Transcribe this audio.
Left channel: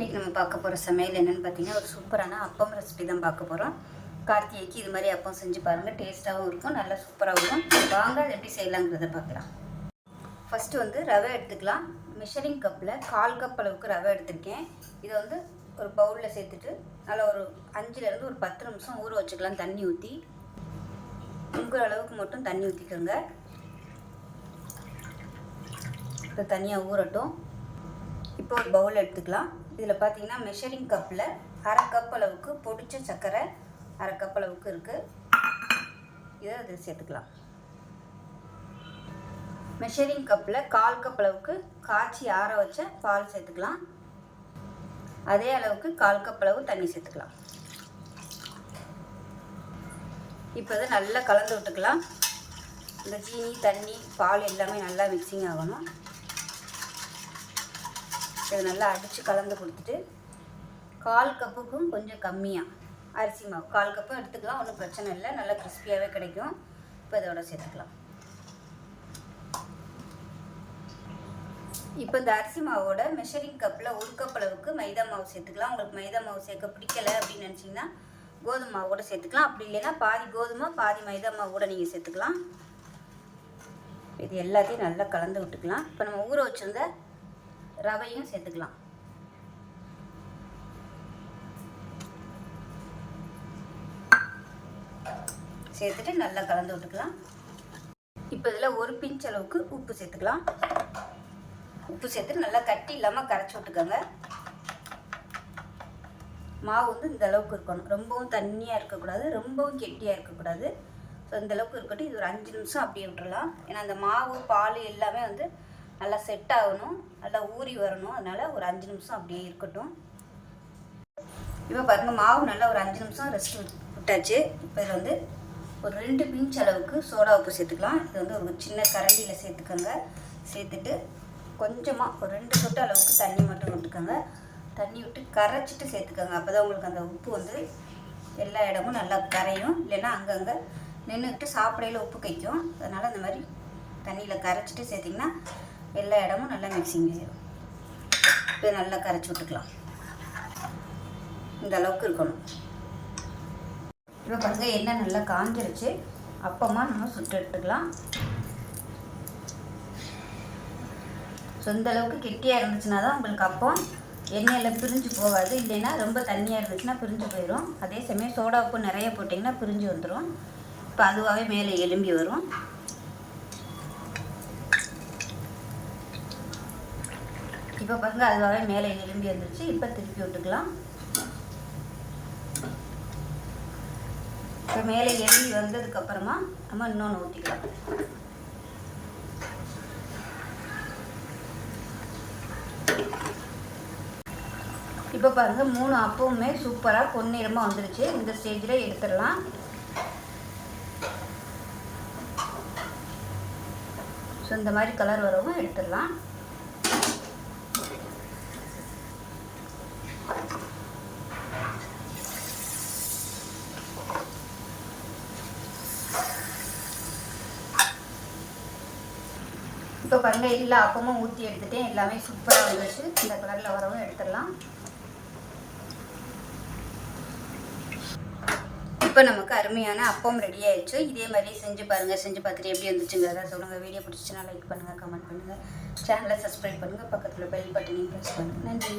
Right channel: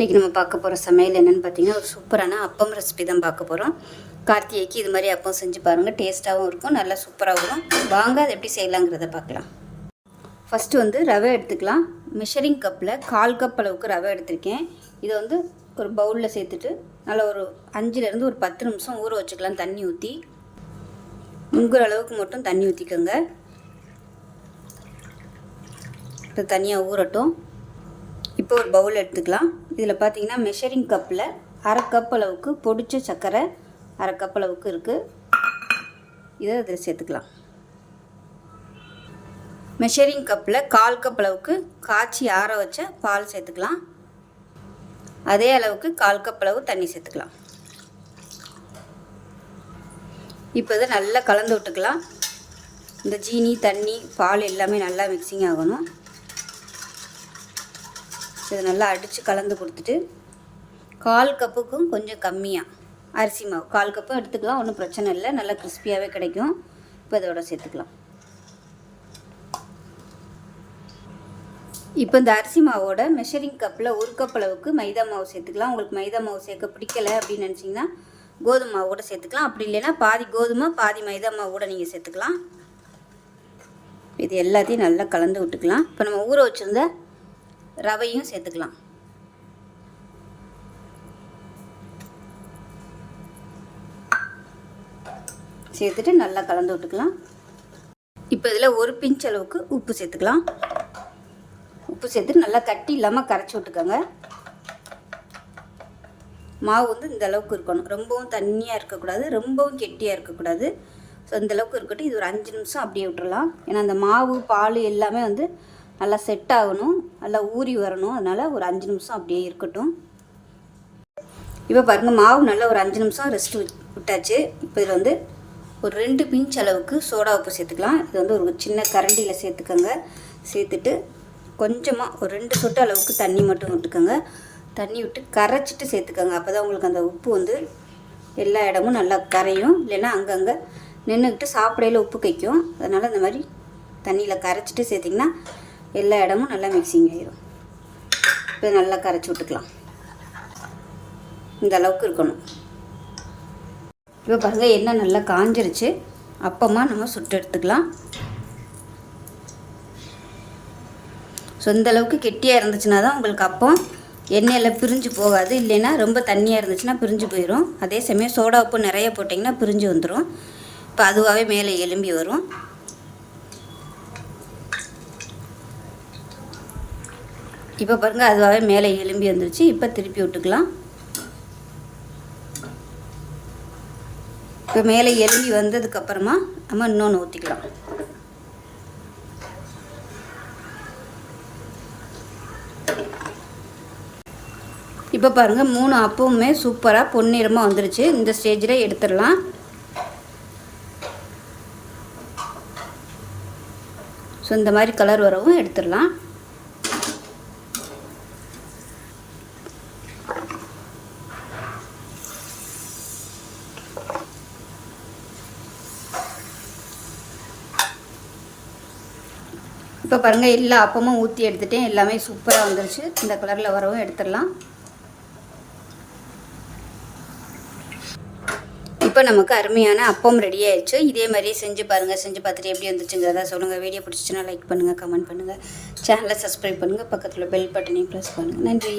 இன்றைக்கி நம்ம பார்க்க போகிற சமையல் என்னென்னு பார்த்தீங்கன்னா ஒரு சூப்பரான அப்பம் ரெசிபி தான் பார்க்க போகிறோம் கார்த்திகைக்கு இது மாதிரி அப்பம் செஞ்சு பாருங்கள் டேஸ்ட்டாகவும் இருக்கும் நல்லா சூப்பராகவும் இருக்கும். வாங்க அதை எப்படி செய்யலாங்கிறத பார்க்கலாம். ஃபஸ்ட்டு வந்து ரவை எடுத்துக்கலாம். மெஷரிங் கப்பில் கால் கப் அளவுக்கு ரவை எடுத்திருக்கேன். இதை வந்து ஒரு பவுலில் சேர்த்துட்டு நல்லா ஒரு அஞ்சுலேருந்து ஒரு பத்து நிமிஷம் ஊற வச்சுக்கலாம் தண்ணி ஊற்றி முங்குற அளவுக்கு மட்டும் தண்ணி ஊற்றிக்கோங்க இது தனியாக ஊறட்டும். இப்போ ஒரு பவுல் எடுத்துக்கலாம். இதில் பார்த்தீங்கன்னா மெஷரிங் கப்பில் அரை கப் அளவுக்கு பொடிச்ச சர்க்கரை அரை கப் அளவுக்கு இருக்குது இதை இதில் சேர்த்துக்கலாம். மெஷரிங் கப்பில் கால் கப் அளவுக்கு காய்ச்சி ஆற வச்ச பால் சேர்த்துக்கலாம். அதே அளவுக்கு கால் கப் அளவு தண்ணி சேர்த்துக்கலாம். இப்போ இதை நல்லா கலந்து விட்டுக்கலாம். இந்த சீனி தண்ணி பால் எல்லாமே நல்லா மிக்சிங் ஆகணும். இதை நல்லா அடித்து கலந்து கொடுத்துட்டு கால் கப்புக்கும் கொஞ்சம் கம்மியாக அரிசி மாவு. கால் கப்பு எடுத்துக்கலாம் ஒன்றும் பிரச்சனை இல்லை. நல்லா கிறிஸ்பியாகவே கிடைக்கும். இப்போ இதோட சேர்த்துக்கலாம். இப்போ இந்த அரிசி மாவோட மெஷரிங் கப்பில் ஒரு கப் அளவுக்கு மைதா மாவு சேர்த்துக்கலாம். உங்களுக்கு மைதா மாவு சேர்க்க பிடிக்கல அப்படின்னு நினச்சிங்கன்னா கோதுமை மாவு கூட சேர்த்துக்கலாம். அப்படி இல்லைன்னா பாதி கோதுமை பாதி மைதா மாவு கூட நீங்கள் சேர்த்துக்கலாம். இது எல்லாத்தையும் நல்லா கலந்து விட்டுக்கலாம். இப்போ நம்ம ஊற வச்சுருந்த ரவையும் சேர்த்துக்கலாம். சேர்த்துட்டு நல்லா கலந்து விட்டுக்கலாம். இப்போ இதில் ஒரு பிஞ்ச் அளவுக்கு உப்பு சேர்த்துக்கலாம். உப்பு சேர்த்து நல்லா கட்டி இல்லாமல் கரைச்சி விட்டுக்கோங்க. மாவு வந்து இந்த அளவுக்கு இருக்கணும். ரொம்பவும் தண்ணியாக இருக்கக்கூடாது ரொம்பவும் கெட்டியாக இருக்கக்கூடாது. ஸோ இந்த அளவுக்கு இருக்கட்டும். இது ஒரு அஞ்சு நிமிஷம் அப்படியே விட்டுடலாம் ஏன்னா அந்த மாவு பால் எல்லாமே வந்து நல்லா செட் ஆகணும் நல்லா ஊறி வரணும். அதனால் ஒரு அஞ்சு நிமிஷம் அப்படியே இருக்கட்டும். இப்போ பாருங்கள் மாவு நல்லா ஒரு அஞ்சு நிமிஷம் ரெஸ்ட் விட்டாச்சு. இப்போ இதில் வந்து ஒரு ரெண்டு பிஞ்ச் அளவுக்கு சோடா உப்பு சேர்த்துக்கலாம். இது வந்து ஒரு சின்ன கரண்டியில் சேர்த்துக்கோங்க. சேர்த்துட்டு கொஞ்சமாக ஒரு ரெண்டு சொட்டு அளவுக்கு தண்ணி மட்டும் விட்டுக்கோங்க. தண்ணி விட்டு கரைச்சிட்டு சேர்த்துக்கோங்க. அப்போ தான் உங்களுக்கு அந்த உப்பு வந்து எல்லா இடமும் நல்லா கரையும். இல்லைன்னா அங்கங்கே நின்றுக்கிட்டு சாப்பிடையில உப்பு கைக்கும் அதனால் இந்த மாதிரி தண்ணியில் கரைச்சிட்டு சேர்த்திங்கன்னா எல்லா இடமும் நல்லா மிக்சிங் ஆகிடும் இப்போ நல்லா கரைச்சி விட்டுக்கலாம். இந்த அளவுக்கு இருக்கணும். இப்போ பாருங்க எண்ணெய் நல்லா காஞ்சிருச்சு. அப்பமா நம்ம சுட்டு எடுத்துக்கலாம். ஸோ இந்த அளவுக்கு கெட்டியாக இருந்துச்சுன்னா தான் உங்களுக்கு அப்பம் எண்ணெயில் பிரிஞ்சு போகாது. இல்லைன்னா ரொம்ப தண்ணியாக இருந்துச்சுன்னா பிரிஞ்சு போயிடும் அதே சமயம் சோடா உப்பு நிறைய போட்டிங்கன்னா பிரிஞ்சு வந்துடும் இப்போ அதுவாகவே மேலே எலும்பி வரும். இப்போ பாருங்கள் அதுவாகவே மேலே எலும்பி வந்துருச்சு. இப்போ திருப்பி விட்டுக்கலாம். இப்போ மேலே எலும்பி வந்ததுக்கப்புறமா நம்ம இன்னொன்று ஊற்றிக்கலாம் இப்போ பாருங்கள் மூணு அப்பவுமே சூப்பராக பொன்னிறமாக வந்துருச்சு. இந்த ஸ்டேஜில் எடுத்துடலாம். ஸோ இந்த மாதிரி கலர் வரவும் எடுத்துடலாம். இப்போ பாருங்கள் எல்லா அப்பமும் ஊற்றி எடுத்துட்டேன். எல்லாமே சூப்பராக வந்துருச்சு. இந்த கலரில் வரவும் எடுத்துடலாம். இப்போ நமக்கு அருமையான அப்பம் ரெடி ஆயிடுச்சு. இதே மாதிரியே செஞ்சு பாருங்கள் செஞ்சு பார்த்துட்டு எப்படி வந்துச்சுங்கிறதா சொல்லுங்கள் வீடியோ பிடிச்சிச்சுன்னா லைக் பண்ணுங்கள் கமெண்ட் பண்ணுங்கள் சேனலை சப்ஸ்கிரைப் பண்ணுங்கள் பக்கத்தில் பெல் பட்டனையும் ப்ரெஸ் பண்ணுங்கள் நன்றி.